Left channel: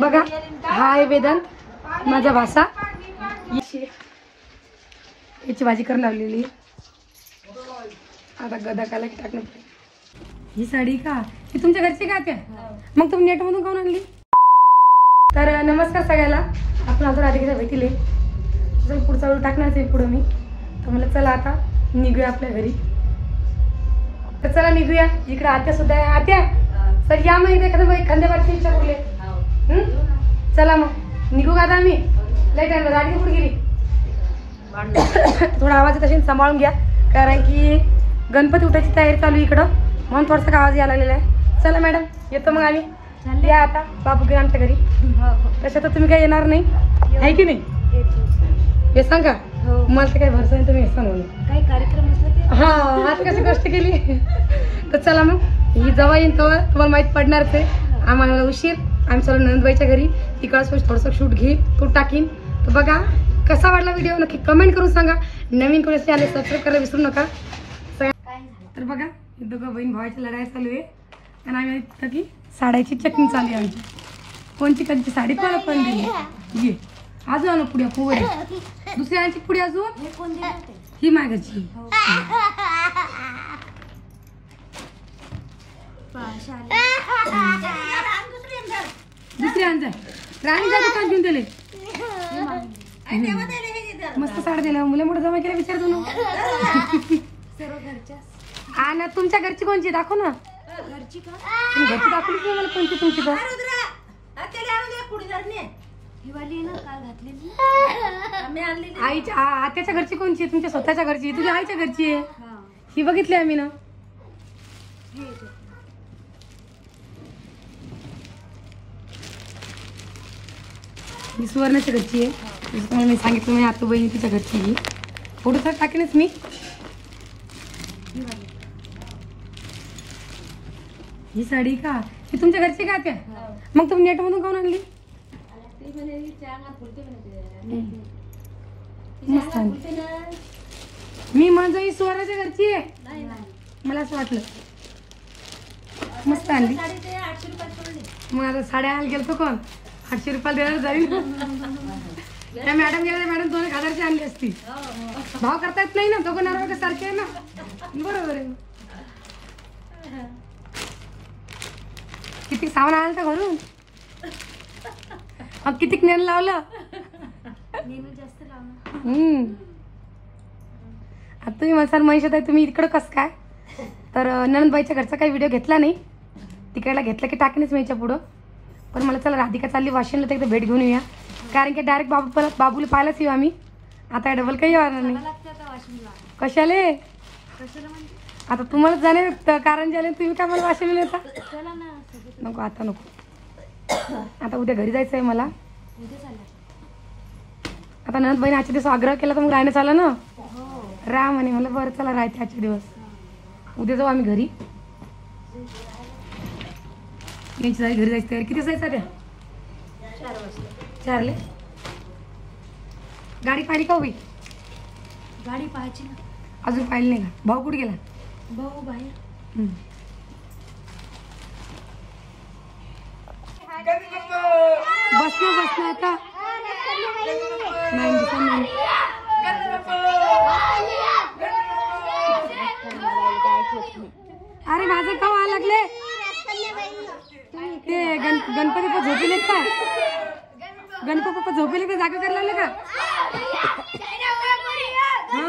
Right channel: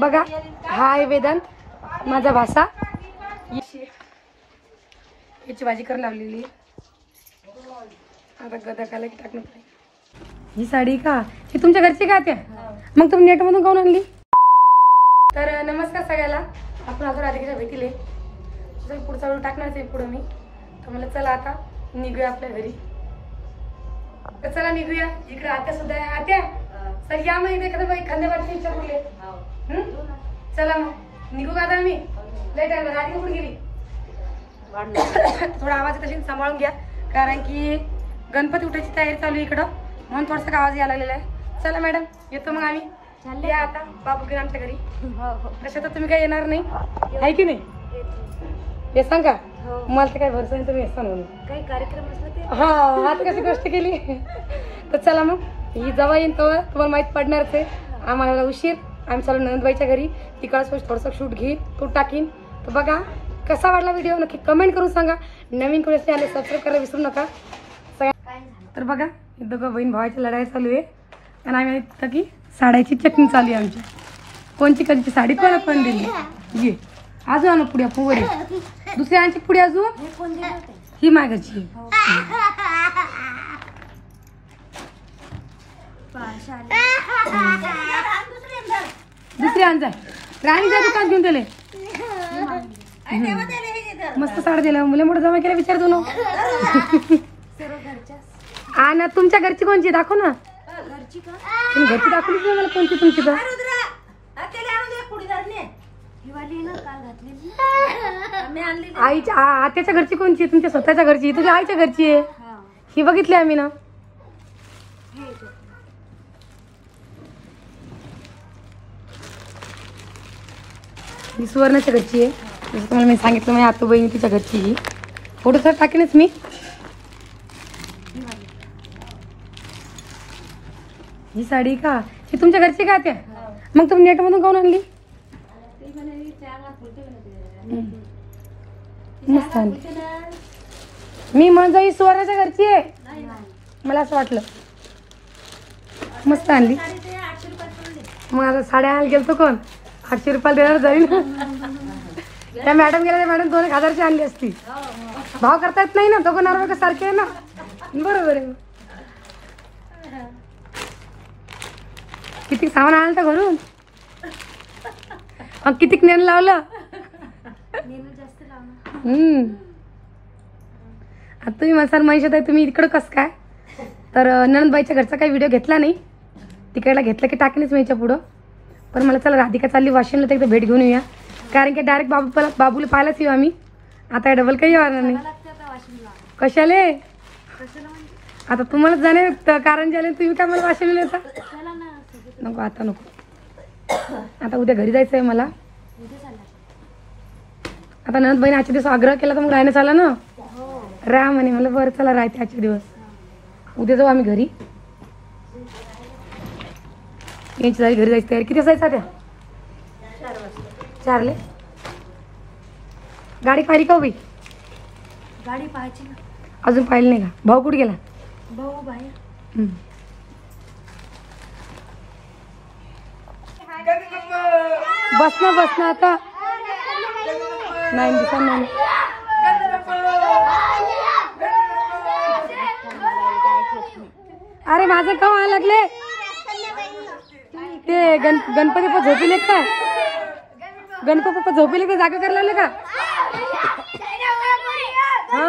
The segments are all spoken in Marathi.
बघा हा आहे वेदांत माझा भाषा. याची भाजी करून लावलेली. आता गदा की टाकणं. ही साडी का ही तुमच्या घरची का त्या? मग तुम्ही नेट मधून काऊन आणली? तर नमस्कार सगळ्याला. आपण अजून राधिकेच्या भेटीले पुढचा व्हिडिओ टाकणार आहे पुढे मी. तर मला चला आता निघूया आपल्या घरी. तर चला निघूया. इकडे आत्या सुद्धा आहे. आत्या सर या मग इथे एखाद्या बारची इच्छा कुठली. चला मग निघू का आता आम्ही. लय टाइम राधिका कुठे गेली. थोडा आवाज तशी सांभाळून घ्या कारण की गणपती उठायची तयारी चालू इकडं म्हणून थोडासा आवाज यायला लागलेला आहे. चला मॅडम येतो मग आम्ही. या आता बापू घरी आमच्या घरी. तसं तर तुम्ही काही येणार नाही आहे की नाही. हे सांगा मला तर काही भरसा नाही तुम्ही येसा म्हणून काही कार्यक्रम असला ते. हा आज कशी गोष्ट केली. तर चला मग ही जवळ येईन तेव्हा तुम्हाला माहीत पडणारच आहे. आम्हाला उशीर आम्ही चालू नंदबाईच्या घरी. तिकडं थोडंसं शूट घेईन तो टाकीन. तर बघा कसा वाटला व्हिडिओ नक्की कमेंट करून सांगा. नवीन कोणी आले सबस्क्राईब करायला विसरू नका सगळ्या. तर बघा दोघं बहीण भावाची लढाई चालू आहे आणि आम्ही की साड्याची चटणी चालू आहे आमची. कोणची कधीची साडी कोण दिली ये अजून आणू पुढे पुढे दुसऱ्यांची पुढे अजून ही मागायची. दुसरी आणजाय राणीच्या दुकान घेऊन दिले. मस्त साडी दिल्या मुले मोठं जमा केला विचारतो ना. आणि तुमच्या घरची कोणची दाखव ना. तुम्ही घरची दाखवली की मला कोणती तुमची का. आईच्या आत्याच्या घरची कोणची आहे. तुमच्या स्वतःच्या घरची तुझ्या आईच्या घरची आहे. ही बघितली आम्ही ना. ही सुवर्णाच्या घरची आहे. तुम्हाला मी सांगितलं माझ्या आतू बहिणी तिच्या घरची. ही फोटो तर टाकेनच मी. ही साडी का ही तुमच्या घरची का त्या? मग तुम्ही नेट मधून काऊन आणली. मस्त आणली. मी म्हणजे ही सुवर्णाच्या घरची आहे. मला असं वाटलं मस्त आणली. मग आता साड्या आणायला गेलतो कोण 800 रुपयाला देणार जाईल. त्या मॅडम गेल्या मॅडम 2,000ची आणली असती. भाव करता येत नाही ना दोघं नवरा सारखे आहे ना. बरोबर आहे. किती सामान आणलं तर घरून मग किती नेण लावलं. आता तुम्ही मसाल महिषात आहे तुम्ही इकडं कसं काय. तर नणंदबाईच्या घरचा काही व्हिडिओ घेतला नाही. तिकडला घेतला की टाकणीच मी याच्या पुढं. पण मला चला राधिका चालली वाशिमला तर एकदा भेट घेऊन येऊया कारण की डायरेक्ट बाबूला पाहायलाच येऊ आम्ही. आता डबल काही येणार नाही. कशाले आता तुम्हाला जाणे कारण झाले तुम्ही काय मला वाशिमला येता. नको आता नको. आता उद्या घरी जायचंय मला. आता नंद बहिणी आजच्या दिवस आग्रह केला तर मग राहण्यात आला ना. राहा म्हणे मला बरं चला राहते आजच्या दिवस. उद्या जाऊ आम्ही घरी. यांची जाई घरी जायची तयारी. किती जायचं त्या 4 गाडी पाहिली का उभी. गाडी पाहायची ना अजून पाहिली नाही का. भाऊ कुठे गेला. भाऊ बाहेर. बस ना आता नाही दिसा नाही. अरे माझं काम आला लागले ते गणपती पप्पा झोपिले का. गणपती पप्पा झोपिले का जागा करायला लागले का. हा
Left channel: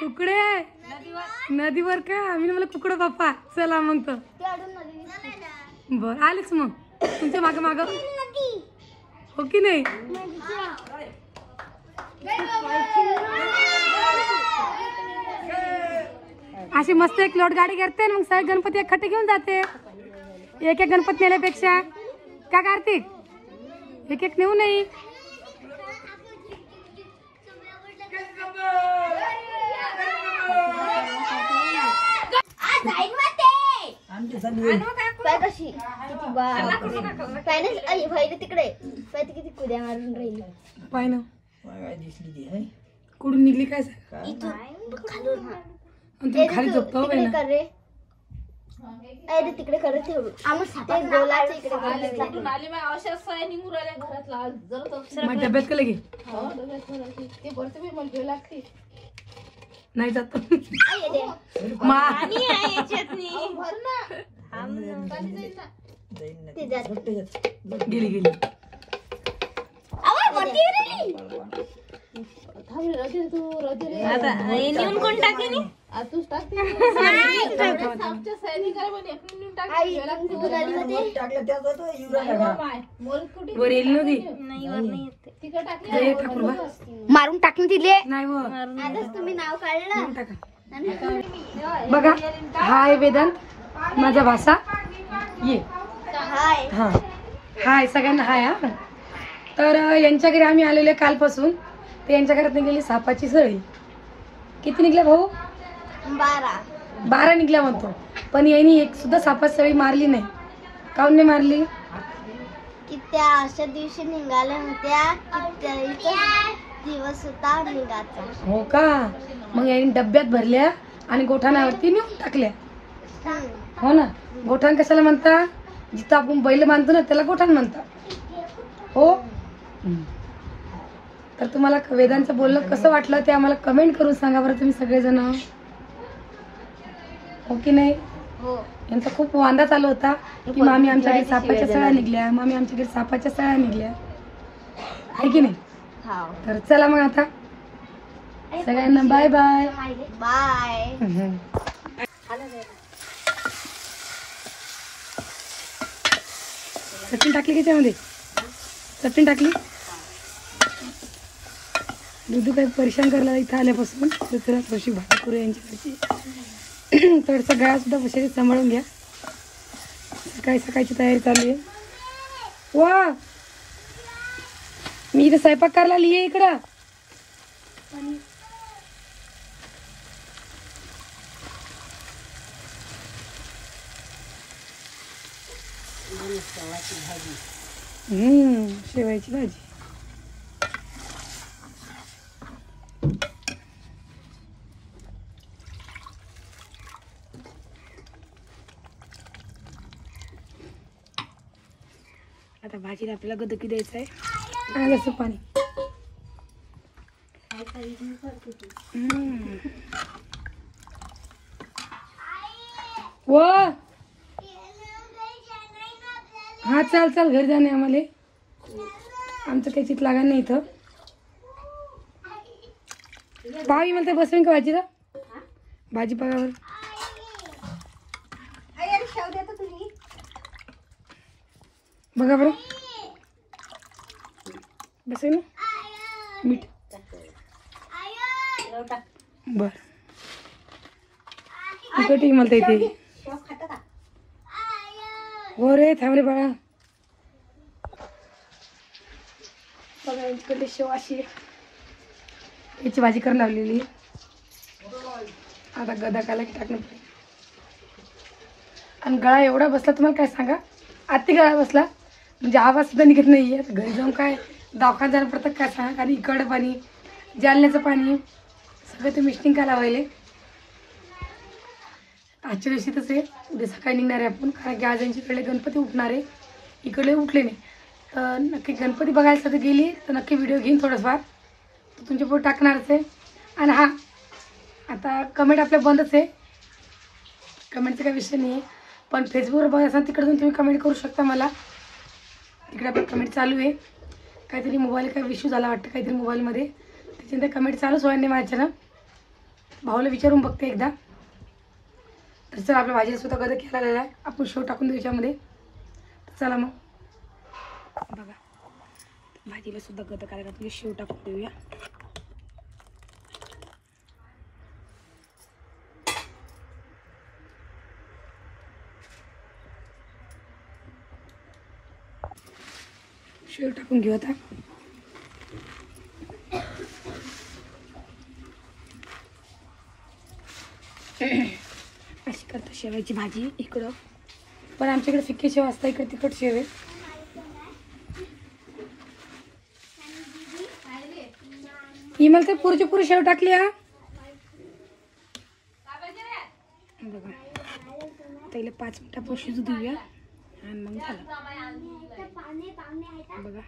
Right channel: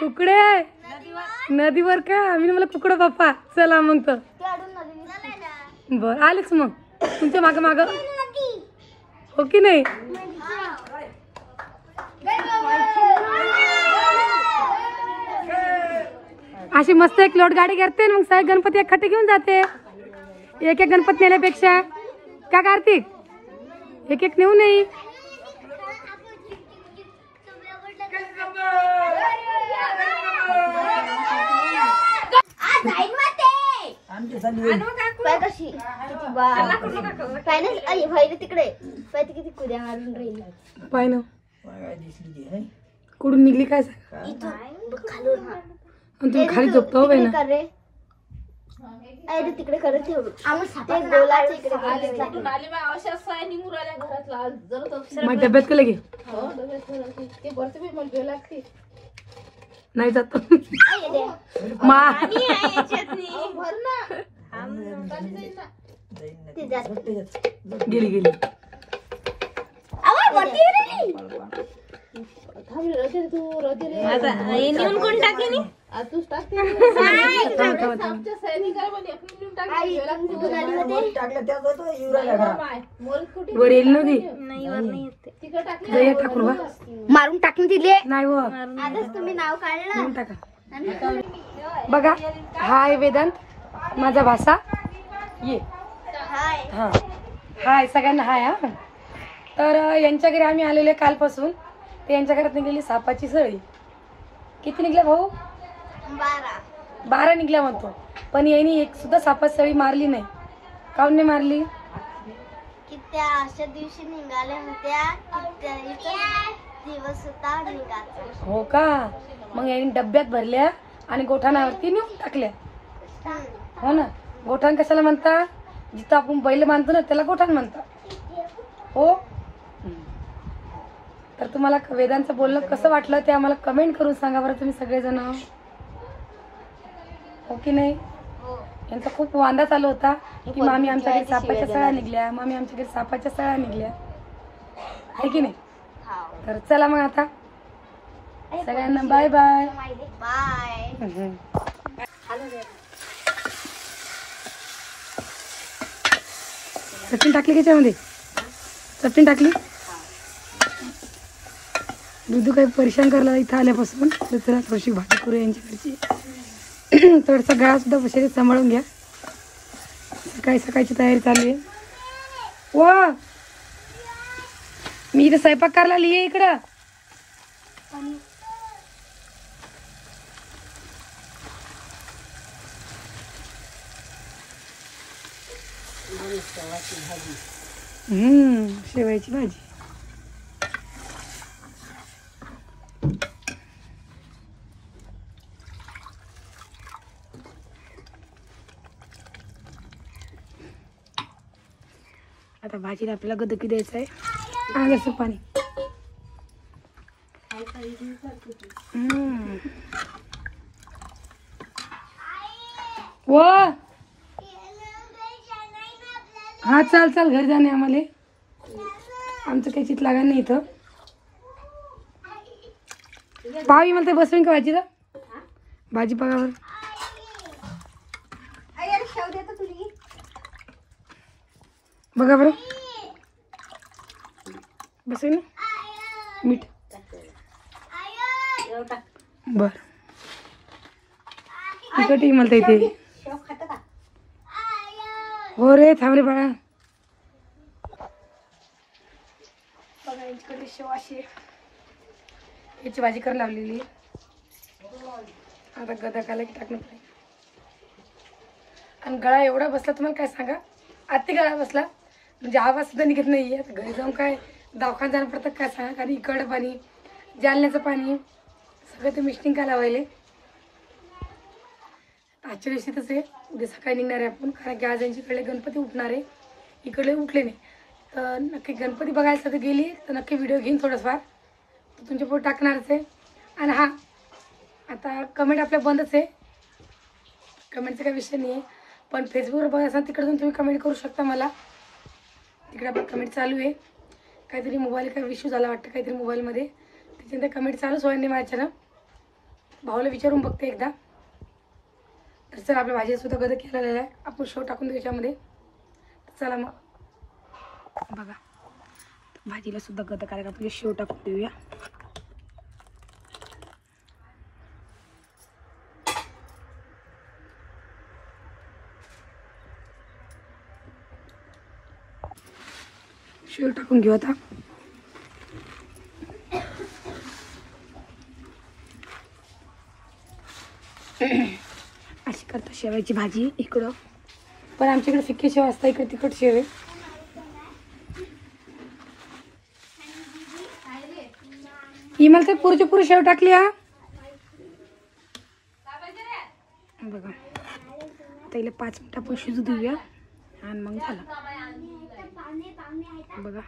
कुकडे नदीवर का. मी मला कुकडं बाप्पा चला मग तर बर आलेच मग तुमच्या माग हो की नाही. अशी मस्त एक लोट गाडी करते मग साहेब गणपती एक खट्टे घेऊन जाते. एक गणपती नेण्यापेक्षा का कार्तिक एक नेऊ नाही. तिकडे किती कुद्या मारून राहिली पाय ना. कुठून निघली काय सांग? आणि तुम्ही खाली झोपतो बाई ना. तिकडे करत मग डब्यात का लगे नाही जात गेली गेली. वर येईल नव्हती टाकून मारून टाकून दिले नाही व तुम्ही नाव काढलं टाका. बघा हा आहे वेदांत माझा भाषा. ये हा हाय सगळ्यांना हाय. हा तर यांच्या घरी आम्ही आलेले कालपासून. ते यांच्या घरात निघाली सापाची सळी. किती निघल्या भाऊ? 12 निघल्या म्हणतो. पण यांनी एक सुद्धा सापाची सळी मारली नाही. काऊन नाही मारली? की त्या अशा दिवशी निघाल्या होत्या की दिवस होता निघाचा. हो का? मग यांनी डब्यात भरल्या आणि गोठाणावरती नेऊन टाकल्या. हो ना. गोठाण कशाला म्हणता? जिथं आपण बैल बांधतो ना त्याला गोठाण म्हणतात. हो. तर तुम्हाला वेदांचं बोलणं कसं वाटलं ते आम्हाला कमेंट करून सांगा बरं तुम्ही सगळेजण. हो की नाही? यांचा खूप वांदा चालू होता की मामी आमच्या घरी सापाच्या सळ्या निघल्या, मामी आमच्या घरी सापाच्या सळ्या निघल्या, आहे की नाही? तर चला मग आता सगळ्यांना बाय बाय बाय. चटणी टाकली की त्यामध्ये? चटणी टाकली. दुधू काही परेशान करला इथं आल्यापासून. तर त्याला थोडीशी भाजी करू यांच्याकडची. थोडंसं गाव सुद्धा बसेल सांभाळून घ्या. सकाळची तयारी चालू आहे. व मी इथे स्वयंपाक करायला आली आहे इकडं. शेवयाची भाजी. आता भाजीला आपल्याला गदकी द्यायचं आहे. आणि पाणी हा चल चल घरी जाणे आम्हाला. आमचं काही चित लागत नाही इथं. पावी म्हणते बसवीन का भाजीला? भाजी पाहावर बघा बरं. बसवीन मीठ बर तिकटी म्हणता इथे. हो रे थांब रे बाळा. बघा इकडे शेवाशी याची भाजी करायला लावलेली. आता गदकाला टाकणं पडेल. आणि गळा एवढा बसला तुम्हाला काय सांगा. आत्ती गळा बसला म्हणजे आवाज सुद्धा निघत नाही. आता घरी जाऊन काय दवाखान्यात जाणं पडतं काय सांगा. कारण इकडं पाणी जालन्याचं पाणी सगळं ते मिस्टिंग काय लावायले. आजच्या दिवशी तसे उद्या सकाळी निघणार आहे आपण. कारण की आज यांच्याकडे गणपती उठणार आहे. इकडे उठले नाही तर नक्की गणपती बघायला तर गेली तर नक्की व्हिडिओ घेईन थोडंफार तर तुमच्या पुढे टाकणारच आहे. आणि हा आता कमेंट आपल्या बंदच आहे. कमेंटचा काही विषय नाही आहे. पण फेसबुकवर बघा तिकडे जाऊन तुम्ही कमेंट करू शकता मला. तिकडे आपण कमेंट चालू आहे. काहीतरी मोबाईल काय इश्यू झाला वाटतं काहीतरी मोबाईलमध्ये. त्याच्यानंतर कमेंट चालूच व्हायला नाही माझ्यानं. भाऊला विचारून बघते एकदा. तर चला आपल्या भाजीला सुद्धा गद केलेला आहे. आपण शेव टाकून देऊ त्याच्यामध्ये. तर चला मग बघा भाजीला सुद्धा गद करायला आपण शेव टाकून देऊया. शेव टाकून घेऊ आता. अशी करतो शेवायची भाजी इकडं. पण आमच्याकडे फिक्की शेव असता इकडे तिखट शेव आहे. ही म्हणते पुरची पुरी शेव हळू टाकली हा बघा. आता हिला 5 मिनिटं आपण शिजू देऊया आणि मग झालं बघा.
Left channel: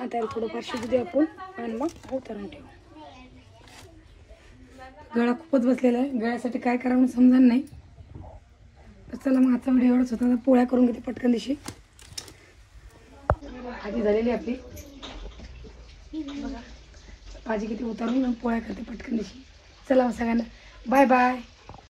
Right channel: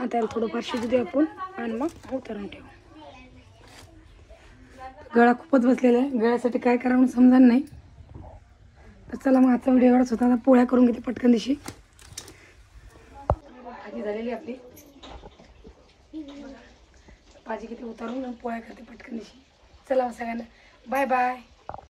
आता थोडंफार शिजू दे आपण आणि मग उतरून ठेवू. गळा खूपच बसलेला आहे. गळ्यासाठी काय करावं मला समजा नाही. तर चला मग आजचा व्हिडिओ एवढाच होता. आता पोळ्या करून घेते पटकन दिशी. भाजी झालेली आपली बघा. भाजी किती उतरली मग पोळ्या करते पटकन दिशी. चला मग सगळ्यांना बाय बाय.